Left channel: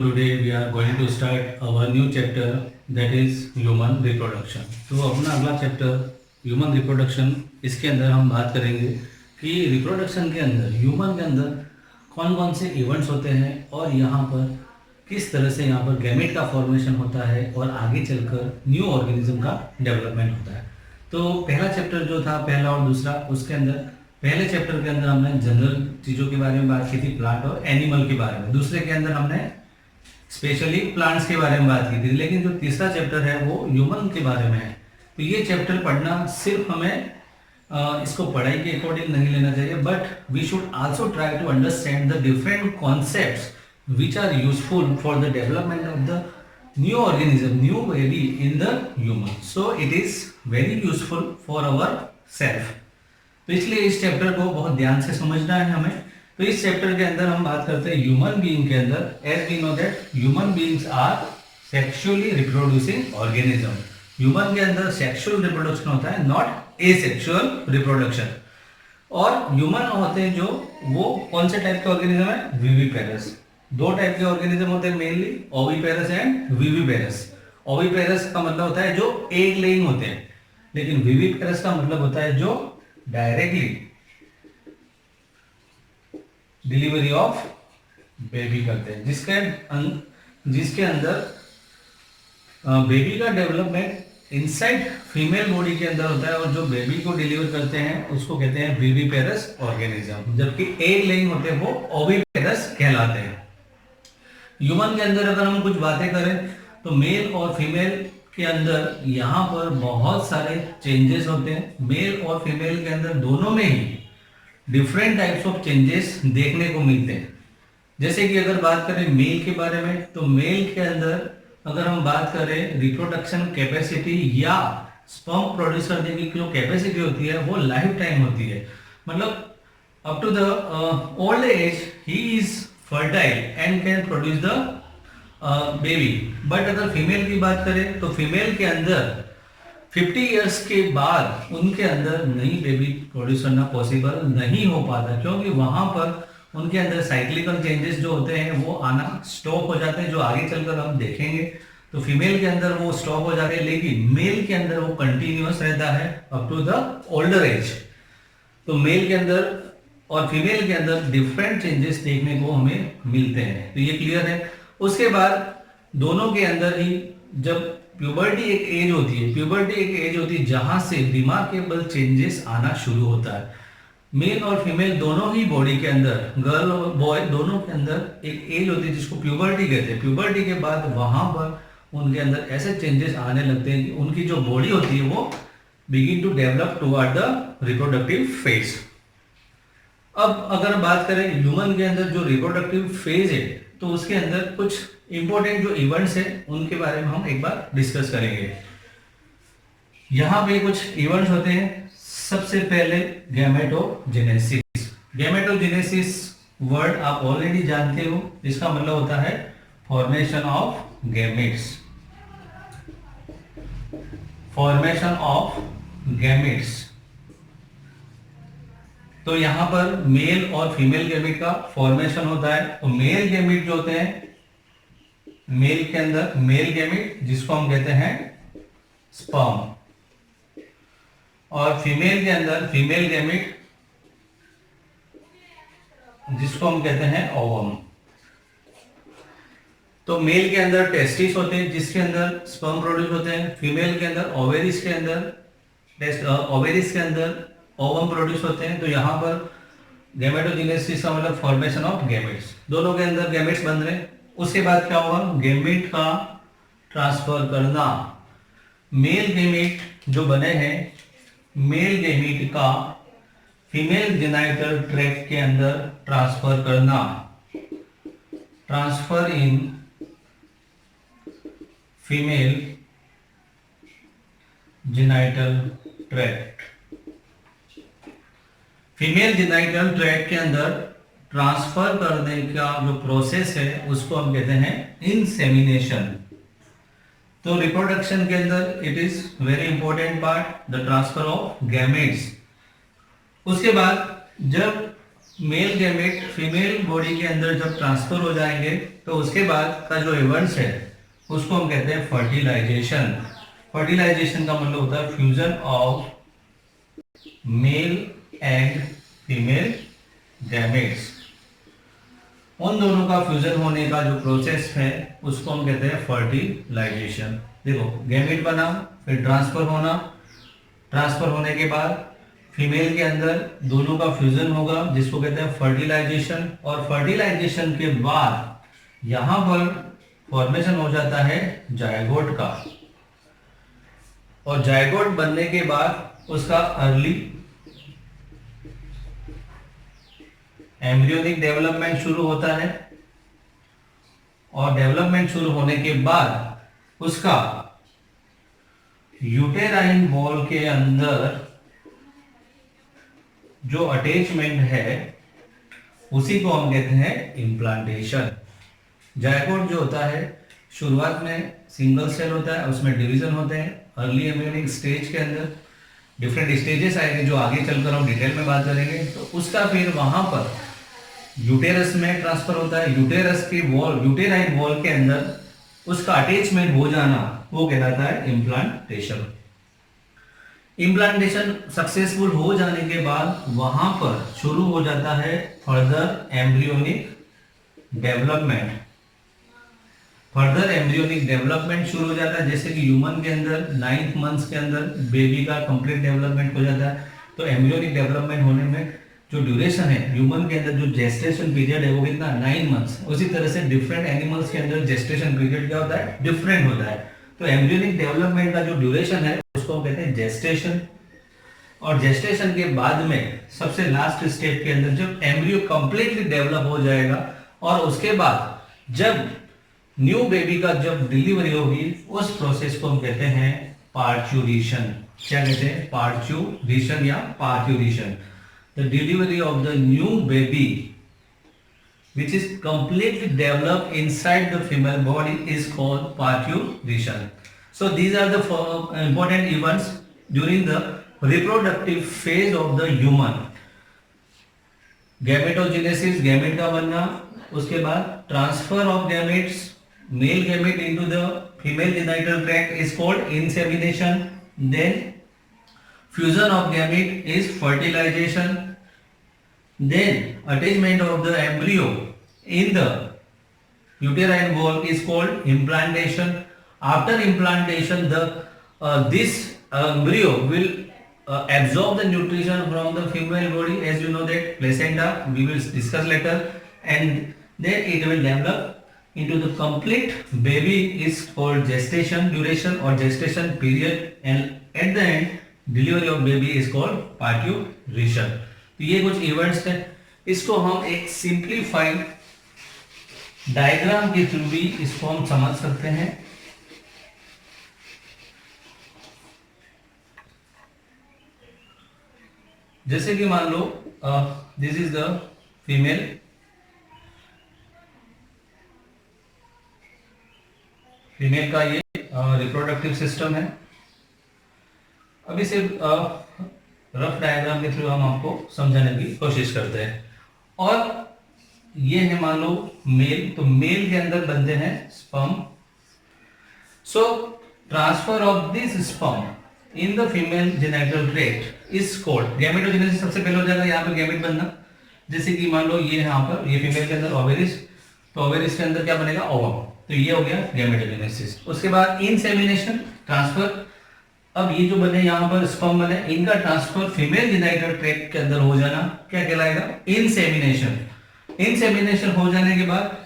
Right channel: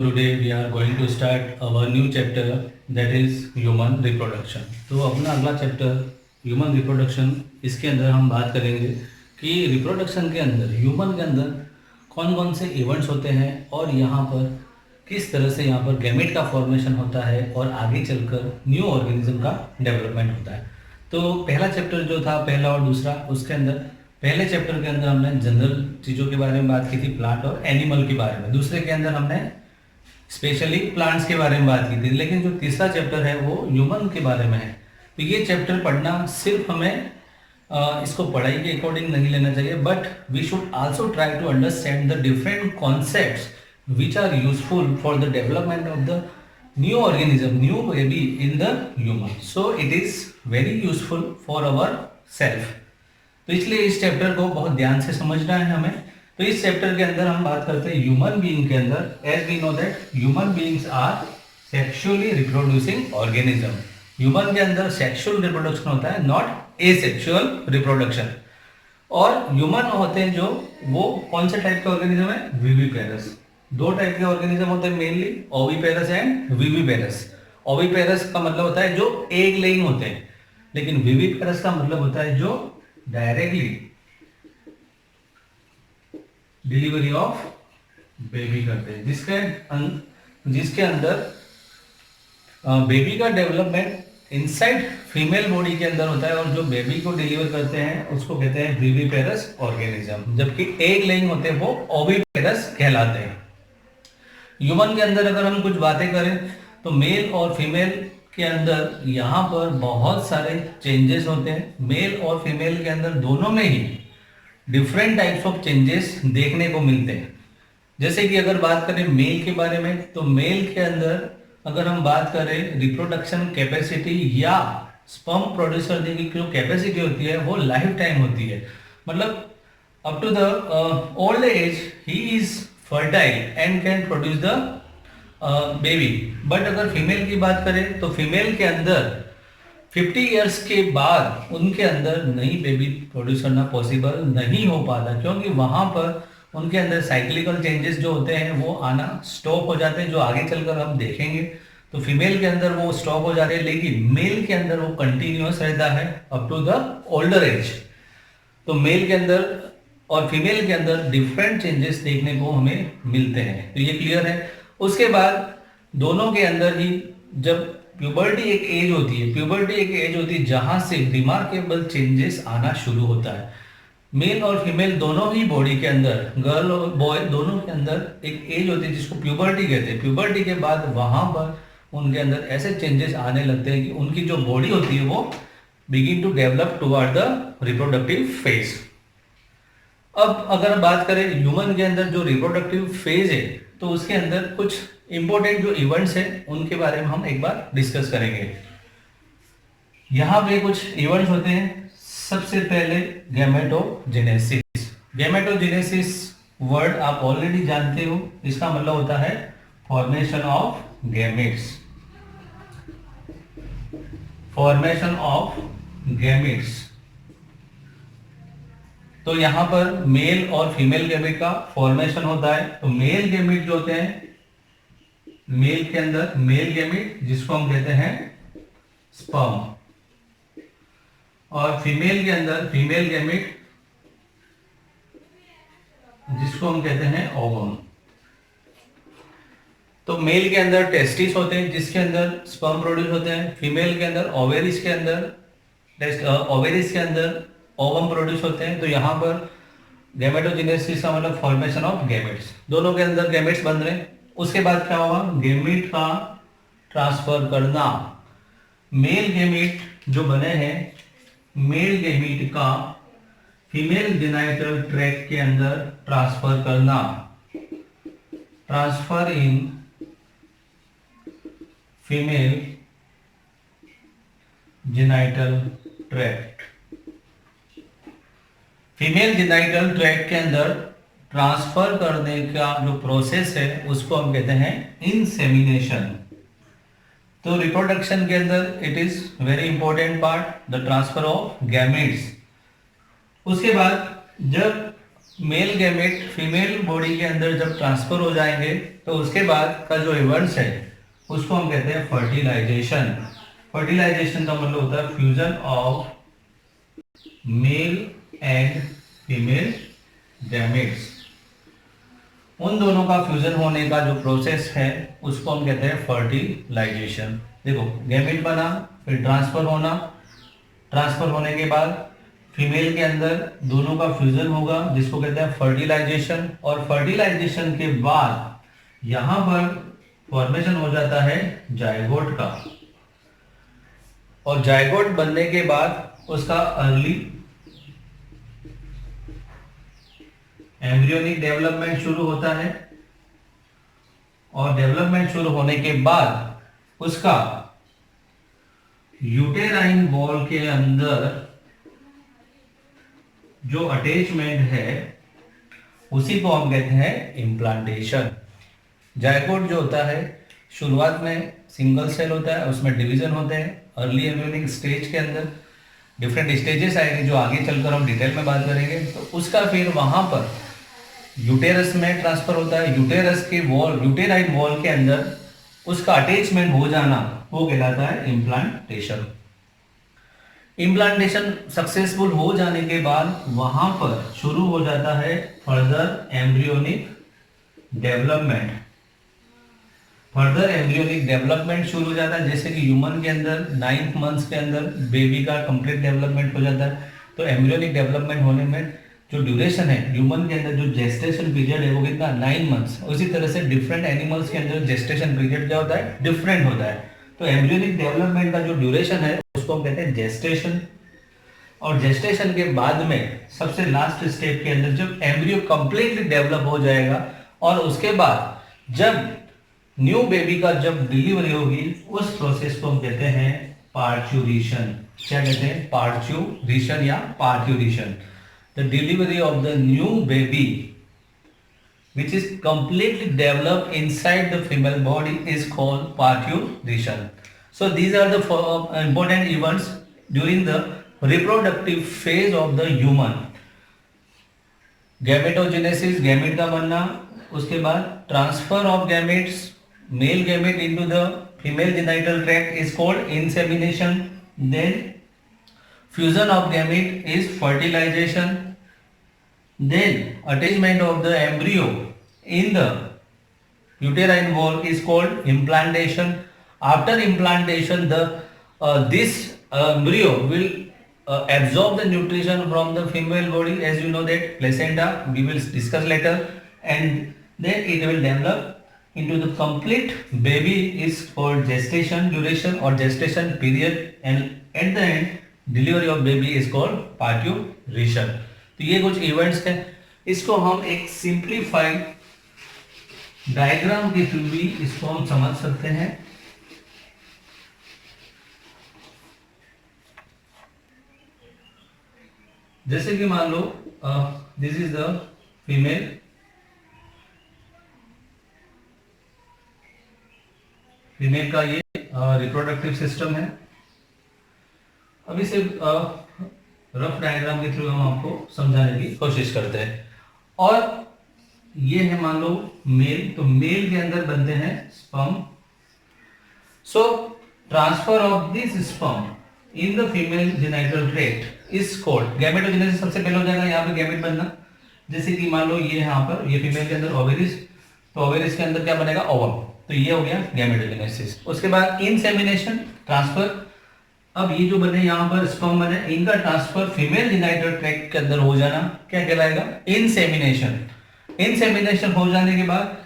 Today we are going to start our new chapter, that is human reproduction. तो अपना अगला chapter human reproduction, इसके अंदर हम बात करेंगे कि रिप्रोडक्शन के अंदर ह्यूमन के अंदर कौन कौन से इवेंट्स होते हैं और यहाँ पर किस तरह से यहाँ पर गैमेट का फॉर्मेशन होता है और आगे चलकर न्यू ऑर्गेनिज्म का डेवलपमेंट होता है। तो पहला चैप्टर जो था, पहला और दूसरा, उसके अंदर पहले चैप्टर के अंदर हमने जनरल चीज़ों के बारे में बात की थी, प्लांट और एनिमल के बारे में। दूसरे के अंदर हमने स्पेशली प्लांट्स के बारे में बात की थी। लेकिन जो तीसरा चैप्टर है वो ह्यूमन के बारे में है। तो ये चैप्टर पढ़ना सिर्फ हमें इसको पढ़ाई के अकॉर्डिंग नहीं लेना चाहिए, but we should also try to understand the different concepts which are useful for the development of the new organism, new baby in the human. So it is very useful for our self. तो इसलिए इस chapter को बहुत ध्यान से समझना है हमें। तो इस चैप्टर के अंदर हम बात करते हैं ह्यूमन बीइंग के अंदर। As we know that human beings are sexually reproducing organism. Human के अंदर सेक्सुअल रिप्रोडक्शन होता है, नॉट एसेक्सुअल रिप्रोडक्शन। और ह्यूमन होते हैं जो, वो कौन से टाइप के ऑर्गेनिज्म है? विविपेरस। दो टाइप के ऑर्गेनिज्म होते हैं mainly, oviparous and viviparous. Oviparous का मतलब होता है जो एग लेइंग होते हैं, लेकिन विविपेरस का मतलब होता है जो डायरेक्टली डिलीवरी ऑफ बेबी करते हैं, जिसके अंदर बेबी का डेवलपमेंट इनसाइड फीमेल बॉडी के अंदर होता है, और जो बेबी को डिलीवर करते हैं उसको कहते हैं विविपेरस ऑर्गेनिज्म, जबकि एग लेइंग होते हैं वो ओविपेरस कहलाते हैं। ह्यूमन के अंदर अगर हम कुछ बातें करें तो मेल और फीमेल के अंदर यहाँ पर बहुत सारे चेंजेस होते हैं। मेल और फीमेल के अंदर दोनों में ही डिफरेंट टाइप्स ऑफ चेंजेस देखने को मिलते हैं। जैसे कि अगर बात करें मेल के बारे में, तो मेल के अंदर अगर हम बात करें रिप्रोडक्शन कैपेसिटी या स्पर्म प्रोड्यूस करने की जो कैपेसिटी होती है वो लाइफ टाइम होती है। मतलब up to the old age he is fertile and can produce the baby. But अगर फीमेल की बात करें तो फीमेल के अंदर 50 इयर्स के बाद उनके अंदर नई बेबी प्रोड्यूस करना पॉसिबल नहीं हो पाता, क्योंकि वहाँ पर उनके अंदर साइक्लिकल चेंजेस जो होते हैं वो आना स्टॉप हो जाते हैं, जो आगे चलकर हम देखेंगे। तो फीमेल के अंदर वो स्टॉप हो जाते हैं, लेकिन मेल के अंदर वो कंटिन्यूअस रहता है up to the older age. तो मेल के अंदर और फीमेल के अंदर डिफरेंट चेंजेस देखने को हमें मिलते हैं। तो ये क्लियर है। उसके बाद दोनों के अंदर ही जब प्यूबर्टी एक एज होती है, प्यूबर्टी एक एज होती है जहां से रिमार्केबल चेंजेस आना शुरू होता है। मेल और फीमेल दोनों ही बॉडी के अंदर, गर्ल और बॉय दोनों के अंदर एक एज होती है जिसको प्यूबर्टी कहते हैं। प्यूबर्टी के बाद वहां पर उनके अंदर ऐसे चेंजेस आने लगते हैं कि उनकी जो बॉडी होती है वो begin to develop toward the reproductive phase. अब अगर बात करें ह्यूमन के अंदर जो रिप्रोडक्टिव फेज है, तो उसके अंदर कुछ इंपॉर्टेंट जो इवेंट्स है उनके बारे में हम एक बार डिस्कस करेंगे। यहाँ पे कुछ इवेंट्स होते हैं। सबसे पहले गैमेटोजेनेसिस। गैमेटोजेनेसिस वर्ड आप ऑलरेडी जानते हो, इसका मतलब होता है formation of gametes. Formation of gametes. तो यहाँ पर मेल और फीमेल गैमेट का फॉर्मेशन होता है। तो मेल गैमेट जो होते हैं, मेल के अंदर मेल गैमेट जिसको हम कहते हैं स्पर्म, और फीमेल के अंदर फीमेल गैमेट जिसको हम कहते हैं ओवम। तो मेल के अंदर टेस्टिस होते हैं जिसके अंदर स्पर्म प्रोड्यूस होते हैं। फीमेल के अंदर ओवेरिस के अंदर ओवम प्रोड्यूस होते हैं। तो यहाँ पर गैमेटोजेनेसिस का मतलब फॉर्मेशन ऑफ गैमेट्स, दोनों के अंदर गैमेट्स बन रहे हैं। उसके बाद क्या होगा? गैमेट का ट्रांसफर करना। मेल गैमेट जो बने हैं, मेल गैमेट का फीमेल जेनाइटल ट्रैक्ट के अंदर ट्रांसफर करना। Transfer in female genital tract. Female genital tract के अंदर ट्रांसफर करने का जो प्रोसेस है उसको हम कहते हैं इंसेमिनेशन। तो रिप्रोडक्शन के अंदर it is very important part, the transfer of gametes. उसके बाद जब मेल गैमेट फीमेल बॉडी के अंदर जब ट्रांसफर हो जाएंगे तो उसके बाद का जो इवेंट्स है उसको हम कहते हैं फर्टिलाइजेशन। फर्टिलाइजेशन का मतलब होता है fusion of male and female gametes. उन दोनों का फ्यूजन होने का जो प्रोसेस है उसको हम कहते हैं फर्टिलाइजेशन। देखो, गैमेट बना, फिर ट्रांसफर होना, ट्रांसफर होने के बाद फीमेल के अंदर दोनों का फ्यूजन होगा जिसको कहते हैं फर्टिलाइजेशन। और फर्टिलाइजेशन के बाद यहां पर फॉर्मेशन हो जाता है जायगोट का। और जायगोट बनने के बाद उसका अर्ली एम्ब्रियोनिक डेवलपमेंट शुरू होता है। और डेवलपमेंट शुरू होने के बाद उसका यूटेराइन वॉल के अंदर जो अटैचमेंट है उसी को हम कहते हैं इम्प्लांटेशन। जायगोट जो होता है शुरुआत में सिंगल सेल होता है, उसमें डिवीजन होते हैं अर्ली एम्ब्रियोनिक स्टेज के अंदर। डिफरेंट स्टेजेस आएंगे जो आगे चलकर हम डिटेल में बात करेंगे। तो उसका फिर वहां पर यूटेरस में ट्रांसफर होता है। यूटेरस के वॉल, यूटेराइन वॉल के अंदर उसका अटैचमेंट हो जाना वो कहलाता है इम्प्लांटेशन। इम्प्लांटेशन सक्सेसफुल हो जाने के बाद वहां पर शुरू हो जाता है further embryonic development. Further embryonic development शुरू हो जाता है, जैसे कि ह्यूमन के अंदर 9 मंथ्स के अंदर बेबी का कंप्लीट डेवलपमेंट हो जाता है। तो एम्ब्रियोनिक डेवलपमेंट होने में जो ड्यूरेशन है ह्यूमन के अंदर, जो जेस्टेशन पीरियड है वो कितना 9 मंथ्स। उसी तरह से डिफरेंट एनिमल्स के अंदर जेस्टेशन पीरियड क्या होता है, डिफरेंट होता है। तो एम्ब्रियोनिक डेवलपमेंट का जो ड्यूरेशन है उसको हम कहते हैं जेस्टेशन। और जेस्टेशन के बाद में सबसे लास्ट स्टेप के अंदर जब एम्ब्रियो कंप्लीटली डेवलप हो जाएगा और उसके बाद जब न्यू बेबी का जब डिलीवरी होगी उस प्रोसेस को हम कहते हैं पार्च्यूरेशन। क्या कहते हैं, पार्च्यूरेशन या parturition. The delivery of the new baby which is completely developed inside the female body is called parturition. So these are the important events during the reproductive phase of the human. Gametogenesis, gamete का बनना, उसके बाद transfer of gametes, male gamete into the female genital tract is called insemination. Then fusion of gamete is fertilization. Then attachment of the embryo in the uterine wall is called implantation. After implantation, this embryo will absorb the nutrition from the female body, as you know that placenta, we will discuss later, and then it will develop into the complete baby is called gestation duration or gestation period, and at the end delivery of baby is called parturition. तो ये कुछ events हैं, इसको हम एक simplified diagram के through भी इसको हम समझ सकते हैं। जैसे कि मान लो this is the female, female का ये रिप्रोडक्टिव सिस्टम है। अब इसे रफ डायग्राम के थ्रू हम आपको समझाने की कोशिश करते हैं। और ये है मान लो मेल, तो मेल के अंदर बनते हैं sperm. So transfer of this sperm in the female genital tract is called gametogenesis. सबसे पहले हो जाएगा यहाँ पे गैमेट बनना। जैसे कि मान लो ये यहाँ पर ये फीमेल के अंदर ओवेरिस, तो ओवेरिस के अंदर क्या बनेगा, ओवम। तो ये हो गया गैमेटोजेनेसिस। उसके बाद इंसेमिनेशन, ट्रांसफर। अब ये जो बने यहाँ पर स्पर्म बने, इनका ट्रांसफर फीमेल जेनिटल ट्रैक्ट के अंदर हो जाना क्या कहलाएगा, इंसेमिनेशन। इंसेमिनेशन हो जाने के बाद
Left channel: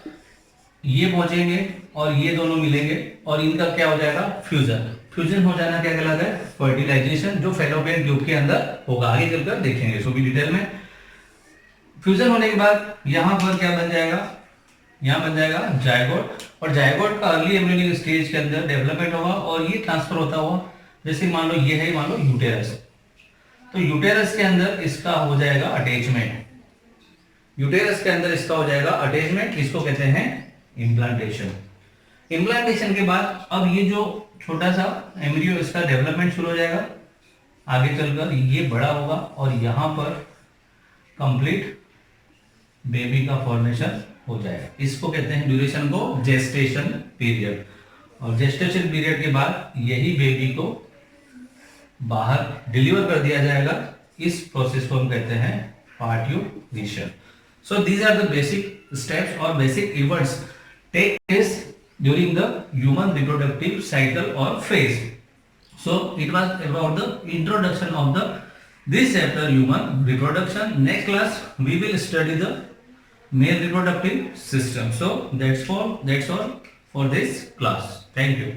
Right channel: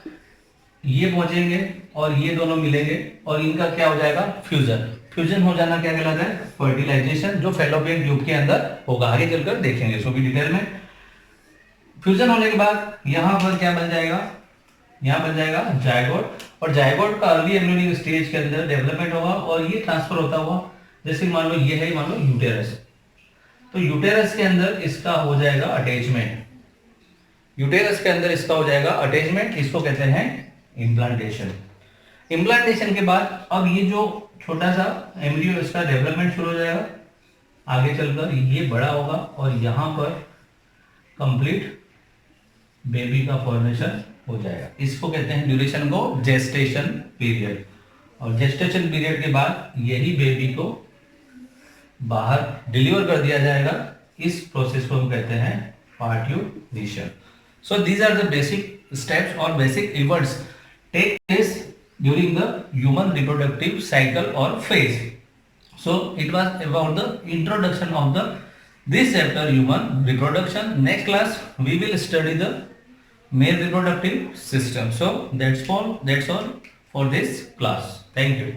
ये पहुंचेंगे और ये दोनों मिलेंगे और इनका क्या हो जाएगा, फ्यूजन। फ्यूजन हो जाना क्या कहलाता है, फर्टिलाइजेशन, जो फेलोपियन ट्यूब के अंदर होगा। आगे चलकर देखेंगे इसको भी डिटेल में। फ्यूजन होने के बाद यहाँ पर क्या बन जाएगा, यहाँ बन जाएगा जायगोट। और जायगोट का अर्ली एम्ब्रियोनिक स्टेज के अंदर डेवलपमेंट होगा और ये ट्रांसफर होता हुआ, जैसे मान लो ये है, मान लो यूटेरस, तो यूटेरस के अंदर इसका हो जाएगा अटैचमेंट। यूटेरस के अंदर इसका हो जाएगा अटैचमेंट, इसको कहते हैं इम्प्लांटेशन। इम्प्लांटेशन के बाद अब ये जो छोटा सा एम्ब्रियो, इसका डेवलपमेंट शुरू हो जाएगा। आगे चलकर ये बड़ा होगा और यहाँ पर कंप्लीट बेबी का फॉर्मेशन हो जाएगा। इसको कहते हैं ड्यूरेशन को जेस्टेशन पीरियड। और जेस्टेशन पीरियड के बाद यही बेबी को बाहर डिलीवर कर दिया जाएगा। इस प्रोसेस को हम कहते हैं parturition. So these are the basic steps और basic events take place during the human reproductive cycle और phase. So it was about the introduction of the this chapter human reproduction. Next class we will study the male reproductive system. So that's all for this class. Thank you.